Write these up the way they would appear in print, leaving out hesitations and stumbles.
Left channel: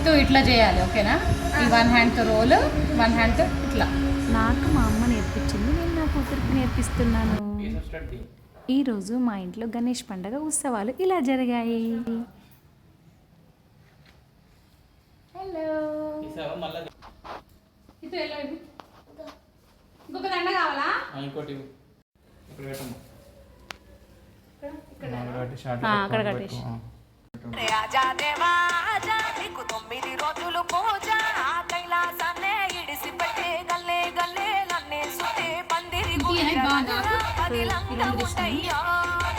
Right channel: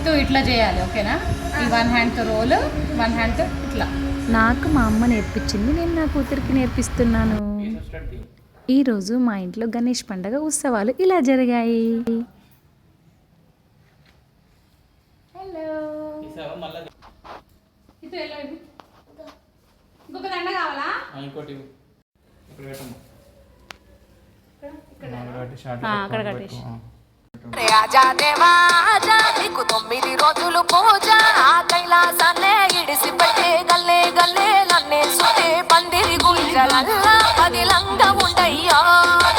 ఇటు ఇట్లా చేయాలి, ఓకేనా? ఈ వన్ హ్యాండ్తో రోల్, వన్ హ్యాండ్తో ఇట్లా. నాకు మా అమ్మ నేర్పించింది, నేను నా కూతురికి నేర్పిస్తున్నాను. ఈరోజు మా ఇంట్లో గణేష్ పండగ ఉత్సవాలు ఇలా జరిగాయి. హలో, ఇంకొక దండ కావాలా? ఇంకోటి అక్కడ కట్టేసి. రాజా దేవా ఆజా, నీకు 9 రోజులు పూజ, ఆ కైలాసాన్నే ఇడిసిపెట్టే గల్లే గల్లే నన్నే సుతే పందిరి గుంజలల్లా పదిలంగా ఉండయ్యో,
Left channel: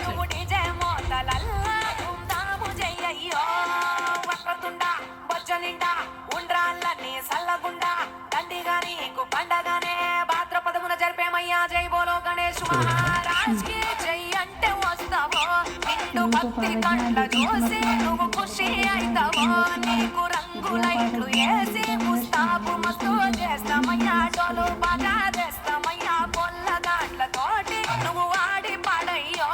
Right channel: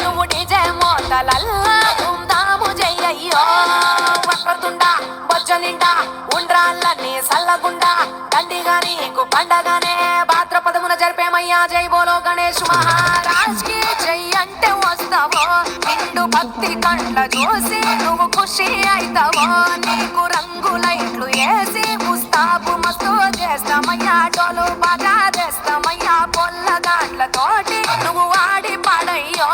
నువ్వు డిజే మోతలల్లా ధూమ్ధాము చెయ్యయ్యో. వక్రతుండా బొజ్జ నిండా ఉండ్రాళ్ళన్నీ సల్లగుండా దండిగా నీకు పండగనే భాద్రపదమున జరిపేమయ్యా. జై బోలో గణేష్ మహారాజ్ కి జై అంటే వస్తావో, నిండు భక్తి కండ్ల చూసి నువ్వు ఖుషి అవుతావో. నీకు రంగు లైట్లు వేసి ముస్తాబు మస్తు చేస్తామయ్యా, డోలు బాగా చేస్తామయ్యా. పొల్లగాట్లతోటి నువ్వు వాడి పడయ్యో,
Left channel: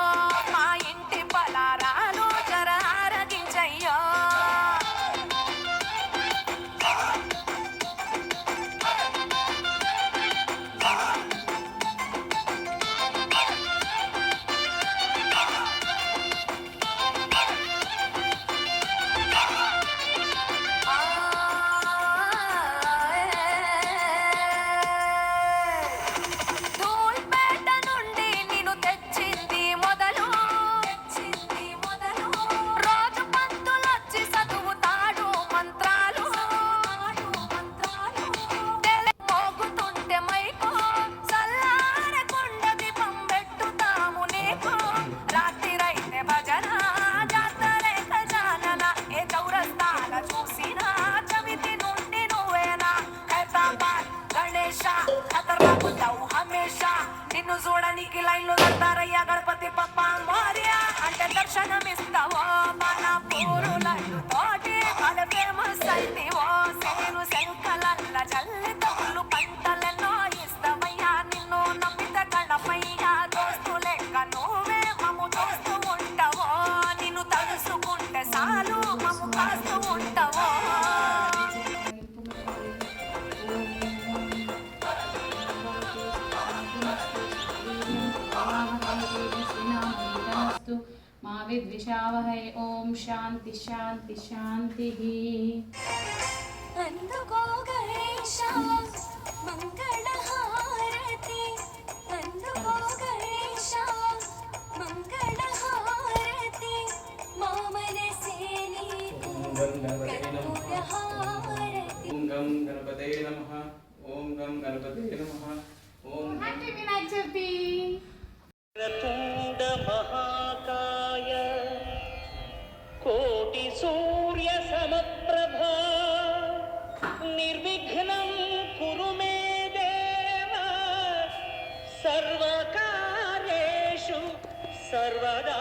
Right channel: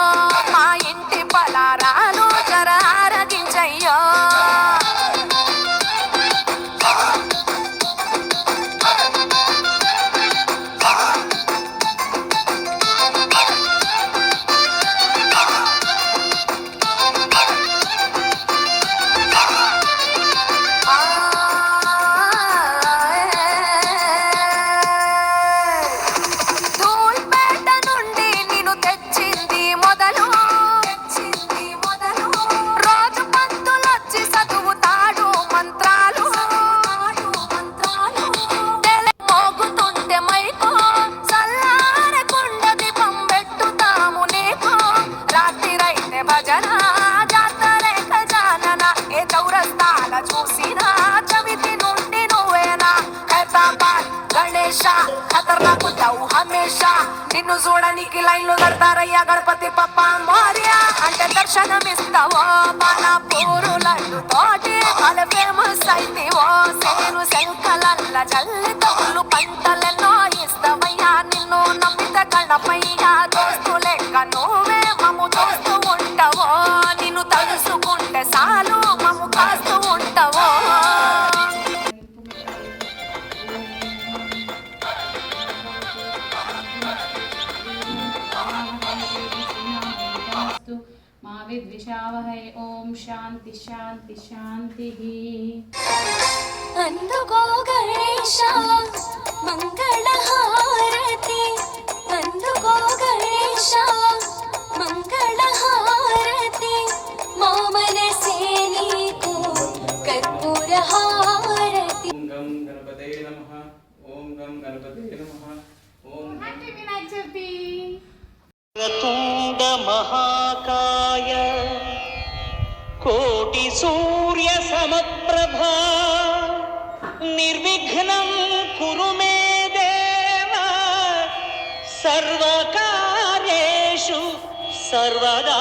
మా ఇంటి పలారాలు జర ఆరగించయ్యో. నిన్ను చూడనికి లైన్లు కడతారయ్యా. గణపతి పప్ప మోరియా అంటే దర్శనమిస్తావో, మన పూరులడ్డు తోటి మన ఫేమస్ అయితేవో. సేను శంకలల్ల జల్లి తగులు పంటలెన్నో ఇస్తావయ్యా, నిన్ను నమ్మిత గణపయ్యా. దోస్తు లెక్క నువ్వే మమ్ము చూస్తూ ఉంటావో, నిన్ను తలుసుకుంటే చాలు మమ్ము కాస్తూ ఉంటావో. మా విద్విషావహై. ఓం శాంతి శాంతి శాంతి. అందుకో గణేశ మంగళహారతి, అందుకో గణేశ మంగళహారతి. మా మనసే నీకు కర్పూరహారతి. ఓం గం గణపతయే నమః, ఓం గం గణపతయే నమః, ఓం హ్యాపీ వినాయక చవితి. తుండ మహాకాయ కోటి సూర్య సమప్రభా, నిర్విఘ్నం కురు మే దేవ, సర్వకార్యేషు సర్వదా